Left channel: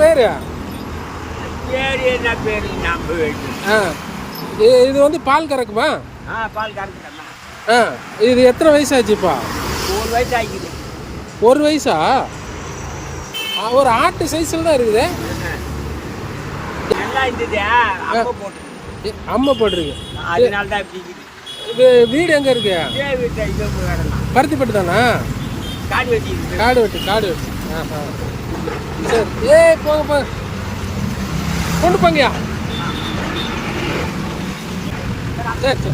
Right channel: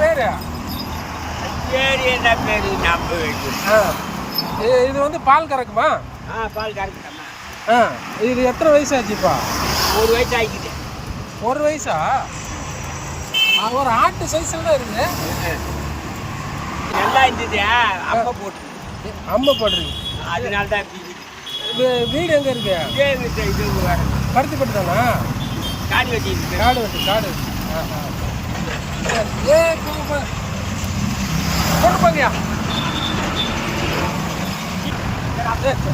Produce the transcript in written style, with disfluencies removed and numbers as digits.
பேர்? பேர் என்ன பேர் நம்ம ஆ இது வந்து பால் கறக்குமா? பால் கறக்குதாம்மா. இது எத்தனை வயசு ஆச்சுப்பா? 1 வயசு ஆகிக்குது. 1 வயசா? ஒரு ஆட்டு சைஸில் தான் இருக்குது. நல்லா இருந்தது. அம்மா போட்டு அம்மா போடுறீங்க. அதனால தான் பிடிக்குது. இது வீடு எங்கே இருக்கு? இதே வீட்டில் இது வரணும். பருத்திப்பட்டு தானா? காடு வெட்டி இருக்குது. காடு வெட்டு. ஆஹா சரி. போங்க கொண்டு போங்கயா. சரி.